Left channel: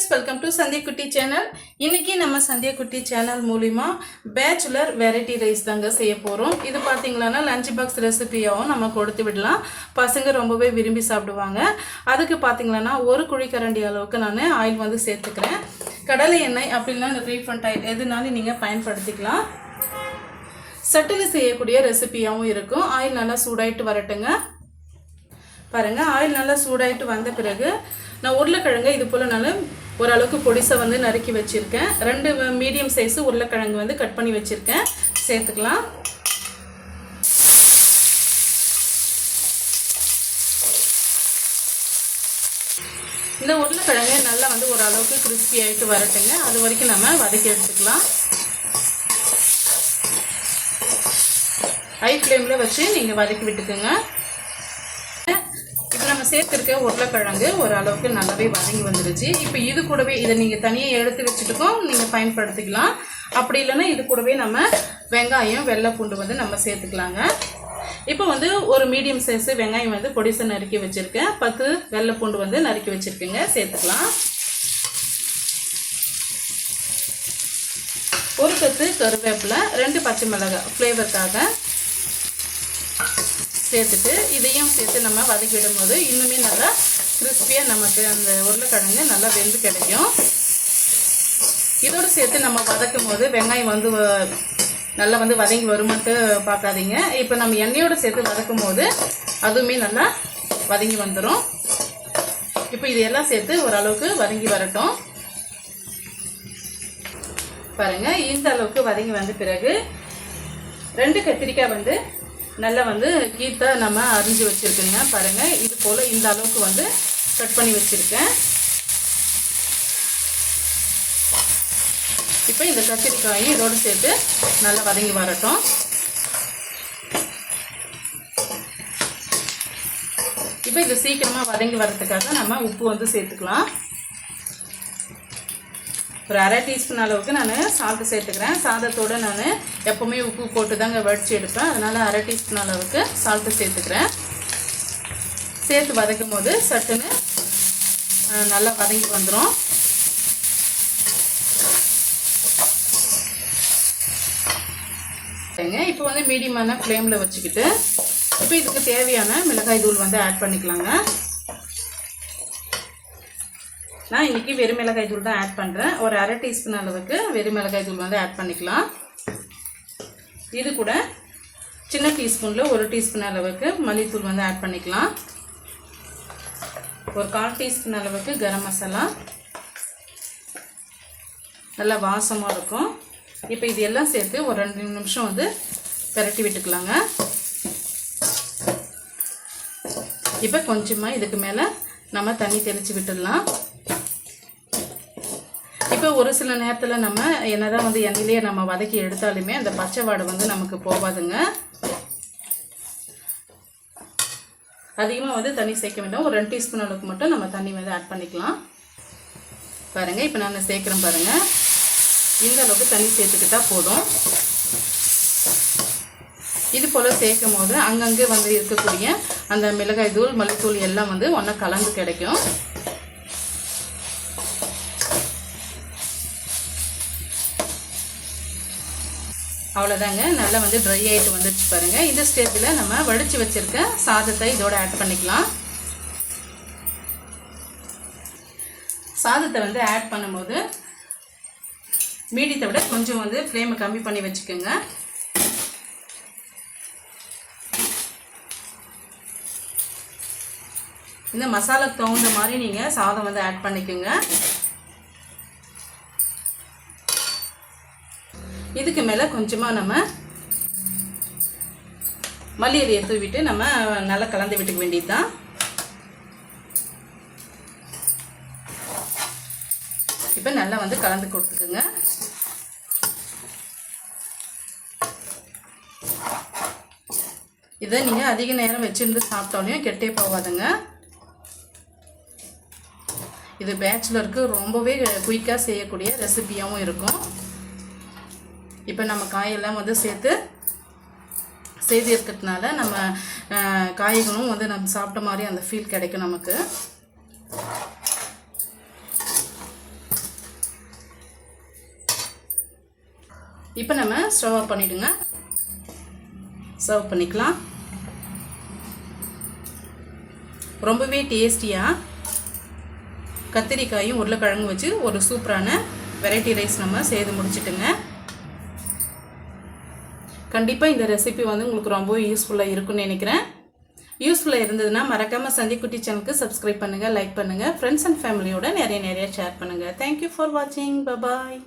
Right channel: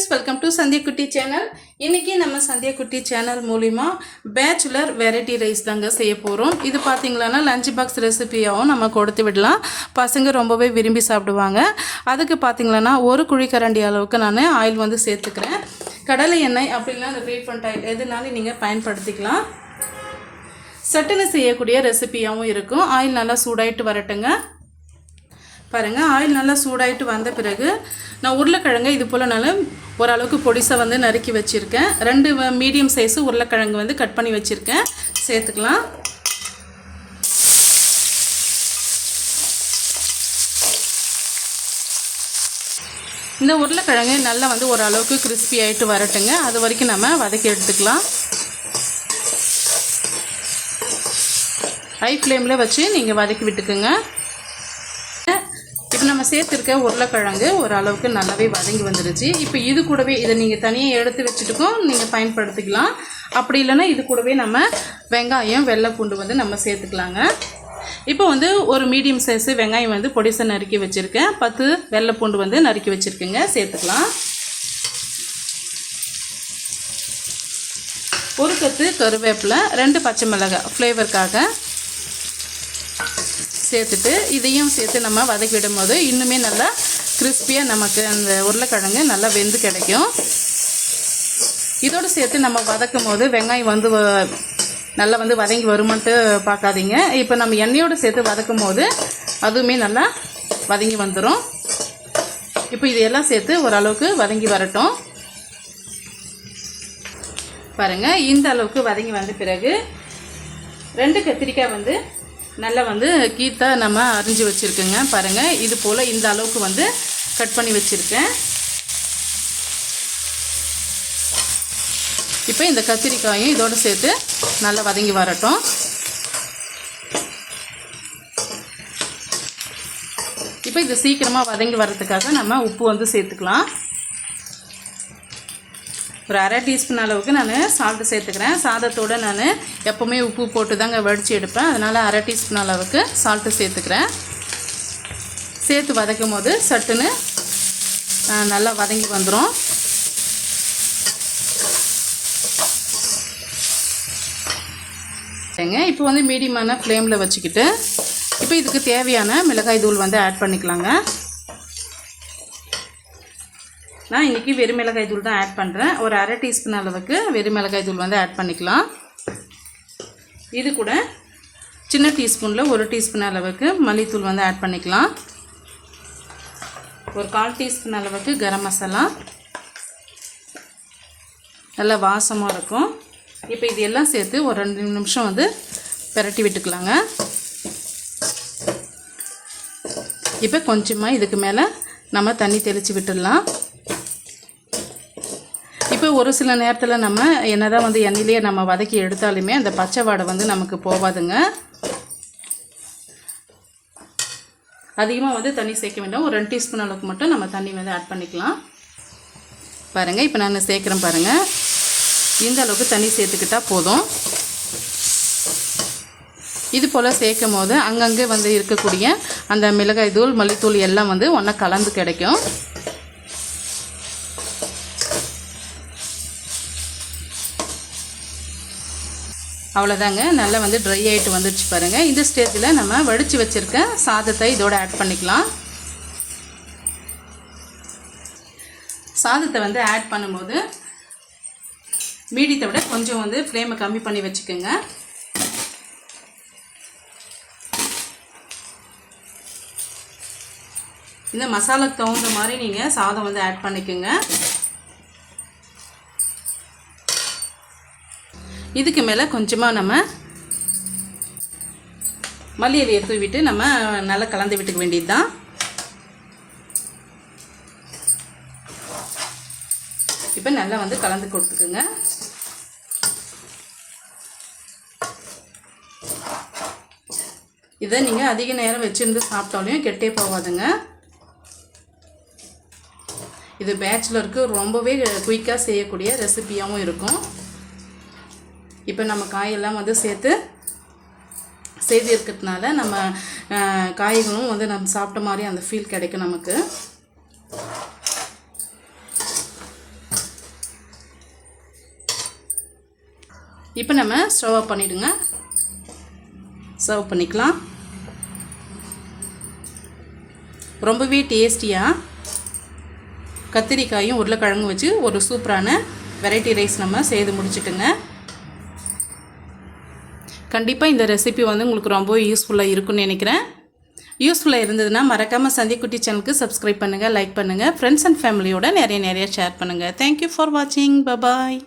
friends, welcome to Sandhya Kutti channel. இன்னைக்கு நம்ம சந்தியா குட்டி சேனல் மூலமா பேச்சுலர் வெரைட்டி ரைஸ் தாங்க செய்ய போறோம். இது பாத்தீங்கன்னா லஞ்ச் பாக்ஸ் ரெசிபியாவும் நம்ம கொடுத்து விடலாம். பசங்க ரொம்பவே விரும்பி சாப்பிடுவாங்க. அதுக்கு பாத்தீங்கன்னா ஒரு குழிக்கரண்டி அளவுக்கு நான் ஆயில் வந்து சேர்த்துக்கிறேன். கடலை எண்ணெய் அப்படினா அந்த ரீஃபைண்ட் ஆயில் எதுனாலும் நீங்க பயன்படுத்திக்கலாம். சட்டுன்னு செய்யக்கூடிய ரெசிபியாவும் இருக்கும். ஆயில் நல்லா சூடாயிட்டு வரட்டுங்க. பாருங்க, ஆயில் நல்லா சூடாயிட்டு வந்த பிறகு நான் உருளைக்கிழங்கு இது போல் நல்லா ஓரளவுக்கு பொடிசா வந்து நறுக்கி வச்சுருக்கேன். 2 மீடியம் சைஸ் உருளைக்கிழங்கு வந்து கட் பண்ணி வச்சுருக்கேன். சேர்த்துக்கலாம். இந்த உருளைக்கிழங்கு நல்லா வந்து ஓரளவுக்கு கிறிஸ்பி ஆகிட்டு வரட்டுங்க. அது வரைக்கும் நம்ம வதக்கி எடுத்துக்கலாம். ஹை ஃப்ளேமில் வச்சு நீங்கள் வதக்கி விட்டுக்குங்க. இப்போ நம்ம சேர்த்துருக்க உருளைக்கிழங்கு ஓரளவுக்கு நல்லாவே வதங்கி வந்துருச்சு. இப்போ இது கூடவே இதை நீங்கள் தனியாக எடுத்து வச்சுட்டுக்கும் நீங்கள் பயன்படுத்திக்கலாம். அப்படி இல்லைன்னா இது கூடவே நம்ம வெங்காயம் வெள்ளை பூண்டு வந்து நம்ம சேர்த்துக்கலாங்க. இப்போ வந்து ஒரு மீடியம் சைஸ் வெங்காயம் வந்து பொடிசா நறுக்கி வச்சுருக்கேன். 10 வெள்ளை பூண்டு வந்து நறுக்கி வச்சுருக்கேங்க. சேர்த்துக்கலாம். ஒரு கத்து கருவேப்பிலை, 2 பச்சை மிளகாய் ஃப்ளேவருக்காக சேர்த்துட்டு இதையும் சேர்த்து நம்ம வதக்கி விடும்போது இன்னுமே நல்லா கிறிஸ்பியாக நமக்கு அந்த உருளைக்கிழங்கு நல்லா வெந்து கிடைக்கும். இதோடு சேர்த்து நம்ம வதக்கும் போது வெங்காயம் வந்து நல்லா வந்து வதங்கி வருமான்ட்டு பார்க்காதீங்க. இப்போ நம்ம எண்ணெயோடு சேர்த்து வதக்கும் போது அதுவுமே நல்லா வதங்கி வந்துடும். இப்போ இதையெல்லாம் சேர்த்து ஓரளவுக்கு வதங்கி வரட்டும். பாருங்கள், இந்த அளவுக்கு வதங்கி வந்த பிறகு 2 கத்திரிக்காய் வந்து நல்லா வந்து கீத்தா நம்ம அரிஞ்சு வச்சுருக்கேங்க. பாருங்கள், இது போல் இந்த அளவுக்கு வந்து கட் பண்ணி வச்சுருக்கேன். இப்போ இந்த கத்திரிக்காயும் இதோடு சேர்த்து நல்லா வதங்கி வரட்டும். இப்போ இது சீக்கிரமாக வதங்கி வர்றதுக்காக நம்ம உப்பு வந்து சேர்த்துக்கலாம். ஒரு 1/2 டீஸ்பூன் அளவுக்கு நான் சால்ட்டு சேர்த்துக்கிறேன். சாதத்தோடு நான் எப்போவுமே உப்பு போட்டு தாங்க வடித்து எடுப்பேன். அதனால் 1/2 டீஸ்பூன் அளவுக்கு சால்ட்டு சேர்த்துக்கிறேன். சேர்த்து வதக்கும் போது சட்டுன்னு நல்லா வதங்கி வந்துடும். இப்போ வந்து மீடியமான ஃப்ளேமில் வச்சுக்கிட்டு இப்போ இதுக்கு தேவையான மிளகாய் தூள் வந்து ஆட் பண்ணிக்கலாங்க. நான் இன்றைக்கி வெறும் மிளகாய் தூள் தான் ஆட் பண்ணுறேன். ஒரு 1/2 டீஸ்பூன் அளவுக்கு வெறும் மிளகாய் தூள் வந்து ஆட் பண்ணிக்கலாம். இது கூட சின்ன டீஸ்பூனில் 1 டீஸ்பூன் அளவுக்கு மல்லித்தூள் வந்து ஆட் பண்ணிக்கலாம். ஒரு 1/4 டீஸ்பூன் அளவுக்கு கரம் மசாலா, நல்லா வாசமாக இருக்கும். இப்போ இது எல்லாம் சேர்த்து ஒரு 2 நிமிஷம் வந்து பிரட்டி விட்டுக்கலாங்க. இப்போ கொஞ்சமாக இதுக்கு மேலே நம்ம தண்ணி தெளித்து விட்டுடலாம். இப்போ ஒரு சில நேரத்தில் நம்ம என்னதான் வந்து எண்ணெயிலேயே நம்ம வதக்கி எடுத்தாலுமே அந்த பச்சை வாடை வந்து நமக்கு போகாதுங்க. அதிகமாக வந்து தண்ணி சேர்க்க வேண்டாம். ஒரு 2 டீஸ்பூன் அளவுக்கு மட்டும் நம்ம தண்ணி வந்து ஆட் பண்ணிக்கலாம். பாருங்கள், இப்போ நான் சேர்க்குறேன். பாருங்கள், இந்த அளவுக்கு தண்ணி சேர்த்துக்கிட்டால் போதும். இது போல் சேர்க்கும் போது அங்கங்கே வந்து இருக்கக்கூடிய அந்த மிளகாய் தூள் மல்லித்தூள் எல்லாம் வந்து ஒன்றா கலந்து கிடைக்கும். அவ்வளோதாங்க, நல்லா வந்து ட்ரை ஆகிட்டு வந்துடுச்சு. பாருங்கள், இந்த ஸ்டேஜில் நம்ம வடித்து வச்சுருக்க சாதத்தை இதோட ஆட் பண்ணிக்கலாம். சாதத்தை வந்து ஆட் பண்ணும்போது மீடியத்தை விட கொஞ்சம் வந்து ஃப்ளேமை கம்மி பண்ணி வச்சுக்கோங்க. இந்த மசாலாக்கு தகுந்த மாதிரி நீங்கள் சாதம் வந்து ஆட் பண்ணிக்கோங்க. இதுக்கு மேலே கொஞ்சமாக நம்ம மல்லி இலையை தூவிட்டு நம்ம நல்லா கலந்து விட்டுக்க வேண்டியது தான். இப்போ நல்லா வந்து கலந்து கொடுத்துக்குங்க. இதை நீங்கள் அதிக நேரம் வச்சுருந்து சாப்பிட்டாலும் கெட்டே போகாதுங்க. இது பேச்சுலருக்கு ரொம்பவே குயிக்காக செய்யக்கூடிய ரெசிபியாகவும் இருக்கும். இப்போ நம்ம காயெல்லாம் வந்து சேர்த்து இருக்கிறதுனால நம்ம காய்களும் வந்து நம்ம சாப்பிட்ட மாதிரி அந்த ஃபீல் கிடைக்கும் நமக்கு. இப்போ நம்ம ஸ்டவ் ஆஃப் பண்ணிவிடுங்க. சர்வ் பண்ணிக்கலாம். ரொம்பவே டேஸ்டியாக கத்திரிக்காயும் உருளைக்கிழங்கும் வச்சு ஒரு சூப்பரான வெரைட்டி ரைஸ் நம்ம செய்து முடிச்சுட்டுங்க. கண்டிப்பாக இந்த ரெசிபி வந்து உங்களுக்கு ரொம்ப யூஸ்ஃபுல்லாக இருக்கும்னு நினைக்கிறேன். யூஸ்ஃபுல்லாக இருந்ததுன்னா மறக்காமல் சந்தியக்குட்டி சேனலுக்கு சப்ஸ்கிரைப் பண்ணுங்கள், லைக் பண்ணுங்கள், ஃப்ரெண்ட்ஸ் அண்ட் ஃபேமிலியோட நிறைய ஷேர் பண்ணுங்கள். தேங்க்யூ ஃபார் வாட்சிங். பபாய்.